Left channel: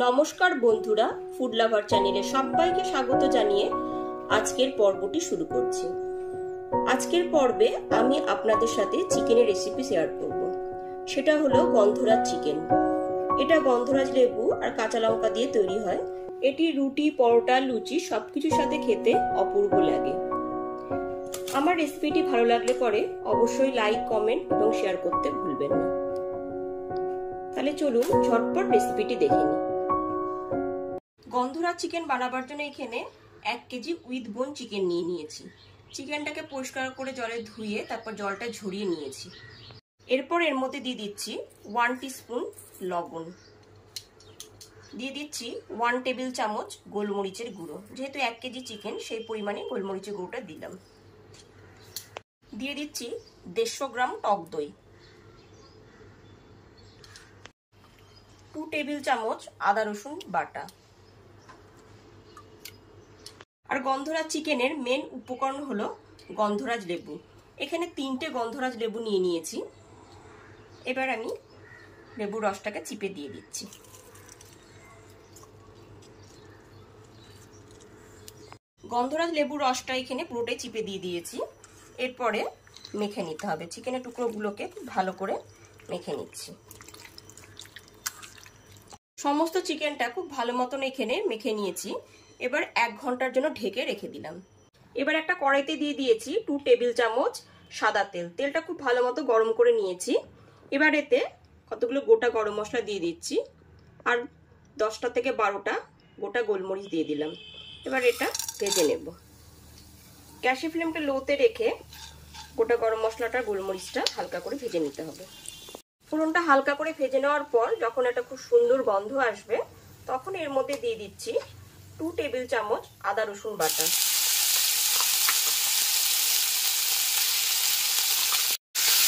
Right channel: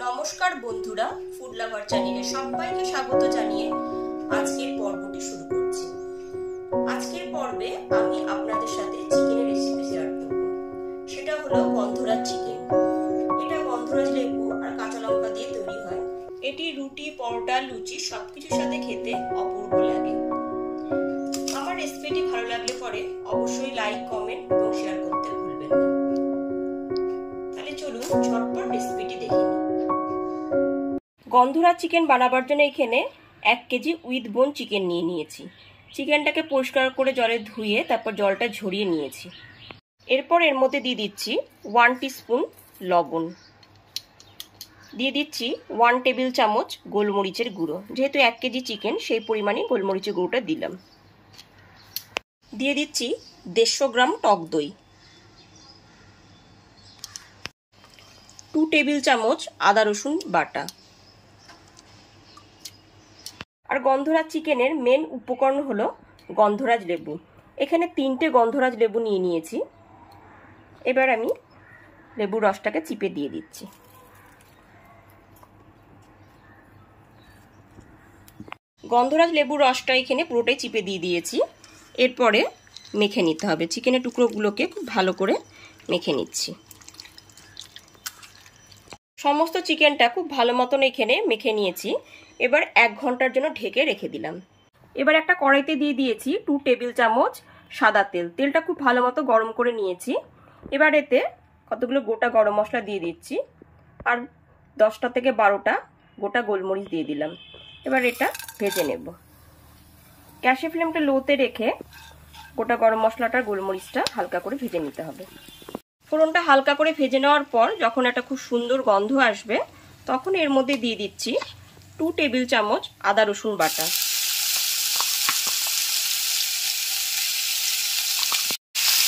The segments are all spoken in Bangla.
নমস্কার বন্ধুরা, ফুড লাভার চ্যানেলে সবাইকে স্বাগত জানিয়ে আজকের পর্বটি শুরু করছি। আজকের পর্বে আমি আপনাদের সাথে চিকেনের রেসিপি শেয়ার করব। সেটা হলো গন্ধরাজ চিকেন। এটা গন্ধরাজ লেবু আর কাঁচা লঙ্কা দিয়ে তৈরি হয়। এটি রুটি, পরোটা, লুচি সবকিছুর সাথে খেতে অপূর্ব লাগে। আমার রেসিপিটি ভালো লাগলে পরে অবশ্যই লাইক, কমেন্ট এবং শেয়ার করতে ভুলবেন না। তাহলে চলুন ঝটপট রেসিপিটি দেখে নিই। গন্ধরাজ চিকেন বানাবার জন্য এখানে 1 কেজি উইথ বোন চিকেন নিয়ে নিয়েছি। চিকেনটাকে পরিষ্কার করে জলে ধুয়ে তারপর জলটা ঝরিয়ে নিয়েছি। এরপর এর মধ্যে দিয়ে দিচ্ছি 1 টিস্পুন লবণ, দিয়ে দিচ্ছি 1 টেবিল চামচ গোলমরিচের গুঁড়ো। যেহেতু 1 কেজি চিকেন সেই পরিমাণে গোলমরিচের গুঁড়োটা দিলাম। দিয়ে দিচ্ছি 150 গ্রাম টক দই, 2 টেবিল চামচ আদা রসুন বাটা। আর গন্ধরাজ চিকেনের মেন উপকরণ হলো গন্ধরাজ লেবু। এখানে 3টে গন্ধরাজ লেবু নিয়ে নিয়েছি। এবার আমি লেবুর রসটাকে চিপে দিয়ে দিচ্ছি। গন্ধরাজ লেবুর রসটা এখানে পুরোটাই চিপে দিয়ে দিয়েছি। এরপরে মেখে নিতে হবে। চিকেনের টুকরোগুলোকে খুব ভালো করে মেখে নিচ্ছি। সমস্ত চিকেনটা খুব ভালো মতন এখানে মেখে নিয়েছি। এবার 1 ঘন্টার জন্য ঢেকে রেখে দিলাম। এবার একটা কড়াইতে দিয়ে দিয়েছি 2 টেবিল চামচ সাদা তেল। তেলটা খুব ভালো মতো গরম করে নিয়েছি। এবার এতে কতগুলো গোটা গরম মশলা দিয়ে দিচ্ছি আর 10টা থেকে 12টা গোটা গোলমরিচ দিয়ে দিলাম। এবার এটা ভেজে নেব। গ্যাসের ফ্লেমটা লোতে রেখে গোটা গরম মশলাটা গোলমরিচটা হালকা করে ভেজে নিতে হবে। ফোড়নটা হালকা করে ভেজে নেওয়ার পর যখন একটা খুব সুন্দর গন্ধ আসবে তখন এর মধ্যে দিয়ে দিচ্ছি 2 টেবিল চামচ আদা রসুন বাটা।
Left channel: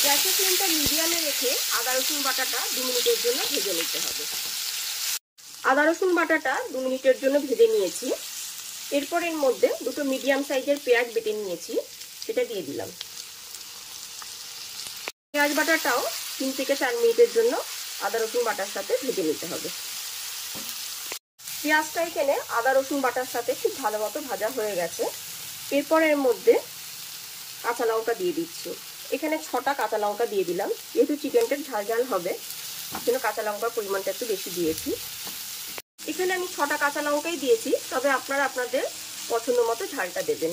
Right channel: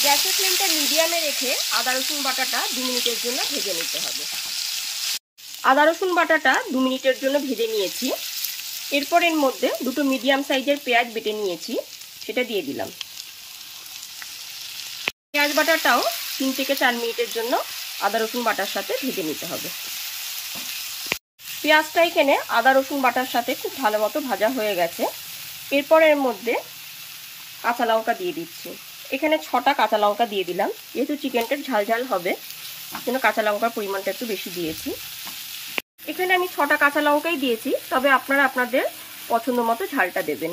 গ্যাসের ফ্লেমটা মিডিয়ামে রেখে আদা রসুন বাটাটা 2 মিনিটের জন্য ভেজে নিতে হবে। আদা রসুন বাটাটা 2 মিনিটের জন্য ভেজে নিয়েছি। এরপর এর মধ্যে 2টো মিডিয়াম সাইজের পেঁয়াজ বেটে নিয়েছি, সেটা দিয়ে দিলাম। পেঁয়াজ বাটাটাও 3 থেকে 4 মিনিটের জন্য আদা রসুন বাটার সাথে ভেজে নিতে হবে। পেঁয়াজটা এখানে আদা রসুন বাটার সাথে খুব ভালো মতো ভাজা হয়ে গেছে। এরপর এর মধ্যে কাঁচা লঙ্কা দিয়ে দিচ্ছি। এখানে 6টা কাঁচা লঙ্কা দিয়ে দিলাম। যেহেতু চিকেনটা ঝাল ঝাল হবে জন্য কাঁচা লঙ্কার পরিমাণটা একটু বেশি দিয়েছি। এখানে আমি 6টা কাঁচা লঙ্কাই দিয়েছি, তবে আপনারা আপনাদের পছন্দ মতো ঝালটা দেবেন।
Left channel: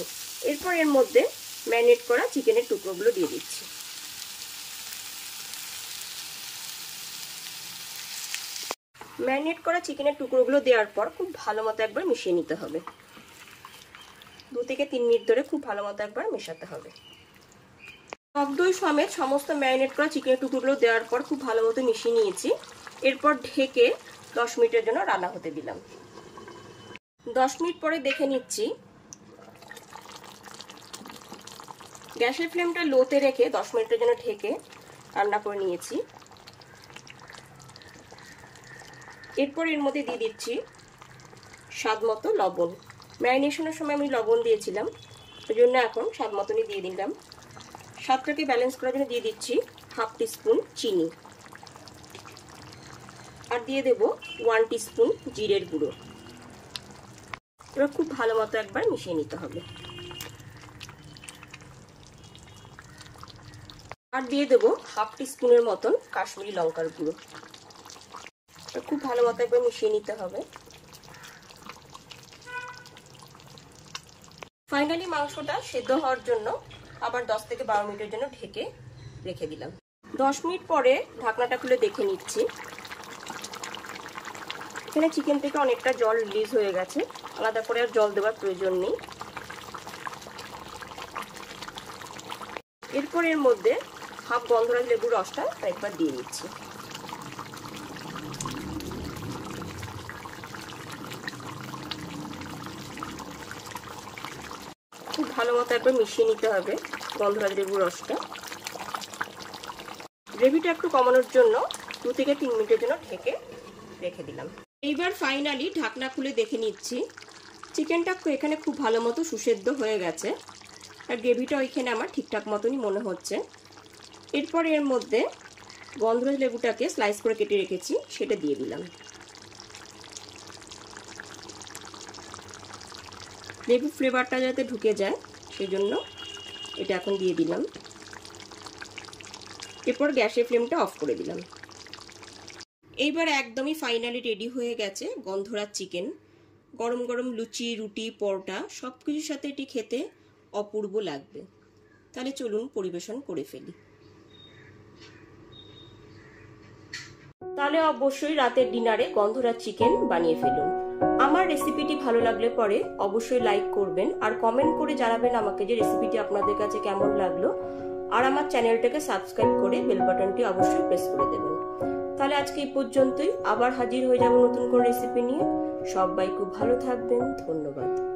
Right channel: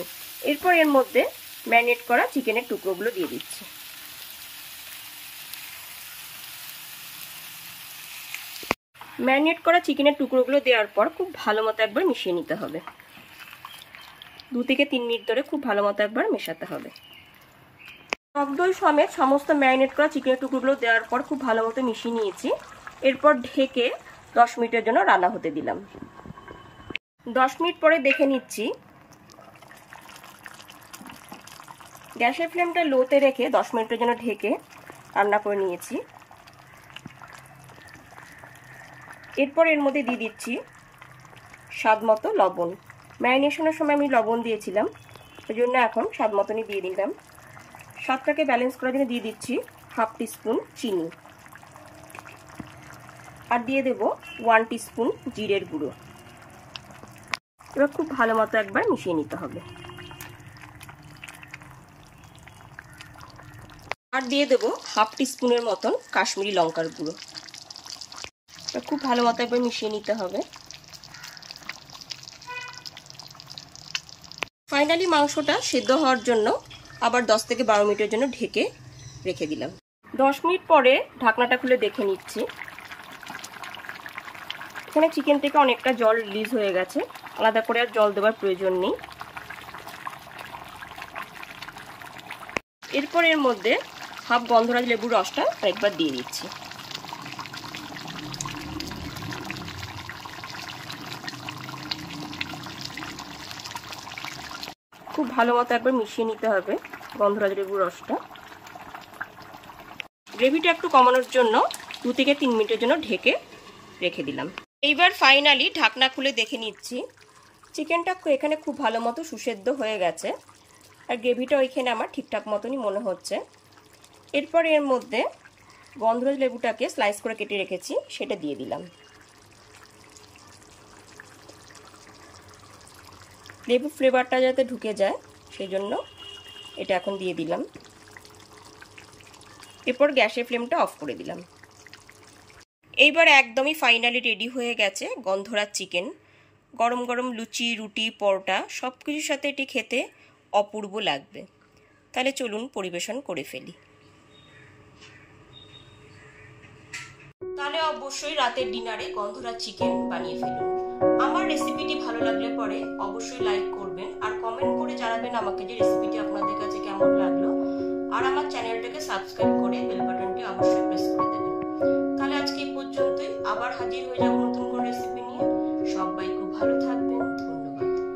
এরপর এর মধ্যে ম্যারিনেট করা চিকেনের টুকরোগুলো দিয়ে দিচ্ছি। ম্যারিনেট করা চিকেনের টুকরোগুলো দেওয়ার পর খুব ভালো মতো একবার মিশিয়ে নিতে হবে। 2 থেকে 3 মিনিট ধরে খুব ভালো মতো একবার মেশাতে হবে। টক দই সমেত সমস্ত ম্যারিনেট করা চিকেনের টুকরোগুলো দেওয়ার পর খুব ভালো মতো মিশিয়ে নিয়েছি। এরপর ঢেকে 10 মিনিটের জন্য রান্না হতে দিলাম। 10 মিনিট পরে দেখে নিচ্ছি। গ্যাসের ফ্লেমটা লোতে রেখে 10 মিনিটের জন্য ঢেকে রান্না করে নিয়েছি। এরপর এর মধ্যে দিয়ে দিচ্ছি স্বাদ মতো লবণ। ম্যারিনেশনের সময় আমি লবণ দিয়েছিলাম, সেজন্য এখন স্বাদ মতনই দিয়ে দিলাম। স্বাদটাকে ব্যালেন্স করার জন্য দিয়ে দিচ্ছি 1/2 টিস্পুন চিনি আর দিয়ে দেব 1 টিস্পুন জিরের গুঁড়ো। এবার খুব ভালো মতো একবার মিশিয়ে নিতে হবে। আর দিয়ে দেব 1/2 টিস্পুনের মতন কাশ্মীরি লঙ্কার গুঁড়ো। খুব ভালো মতো একবার মিশিয়ে নিতে হবে। ফাইনালি মাংসটা সেদ্ধ হওয়ার জন্য আবার 10 থেকে 12 মিনিটের জন্য ঢেকে রেখে দিলাম। 10 মিনিট পরে ঢাকনাটা খুলে দেখে নিচ্ছি। এখানে চিকেন থেকে অনেকটা জল রিলিজ হয়ে গেছে, আলাদা করে আর জল দেওয়ার প্রয়োজন নেই। এরপর এর মধ্যে হাফ গন্ধরাজ লেবুর রসটা একবার দিয়ে দিচ্ছি। খুব ভালো মতো একবার মিশিয়ে নিতে হবে গন্ধরাজ লেবুর রসটা। গ্রেভিটা একটু কমানোর জন্য 2 থেকে 3 মিনিটের জন্য ঢেকে রেখে দিলাম। এইবার ফাইনালি ঢাকনা খুলে দেখে নিচ্ছি। চিকেনটা এখানে খুব ভালো মতো সুসেদ্ধ হয়ে গেছে আর গ্রেভিটাও এখানে আমার ঠিকঠাক মতনই মনে হচ্ছে। এরপর এর মধ্যে গন্ধরাজ লেবুটাকে স্লাইস করে কেটে রেখেছি, সেটা দিয়ে দিলাম। লেবু ফ্লেভারটা যাতে ঢুকে যায় সেজন্য এটা এখন দিয়ে দিলাম। এরপর গ্যাসের ফ্লেমটা অফ করে দিলাম। এইবার একদমই ফাইনালি রেডি হয়ে গেছে গন্ধরাজ চিকেন। গরম গরম লুচি, রুটি, পরোটা সব কিছুর সাথে এটি খেতে অপূর্ব লাগবে। তাহলে চলুন পরিবেশন করে ফেলি। তাহলে অবশ্যই রাতের ডিনারে গন্ধরাজ চিকেন বানিয়ে ফেলুন। আমার রেসিপিটি ভালো লাগলে পরে অবশ্যই লাইক করবেন আর কমেন্ট করে জানাবেন আমাকে যে রেসিপিটি আপনাদের কাছে কেমন লাগলো। আর আমার চ্যানেলটাকে সাবস্ক্রাইব করে বেল বাটনটি অবশ্যই প্রেস করে দেবেন। তাহলে আজকে এই পর্যন্তই, আবার হাজির হয়ে যাব নতুন কোনো রেসিপি নিয়ে। সবাই খুব ভালো থাকবেন। ধন্যবাদ।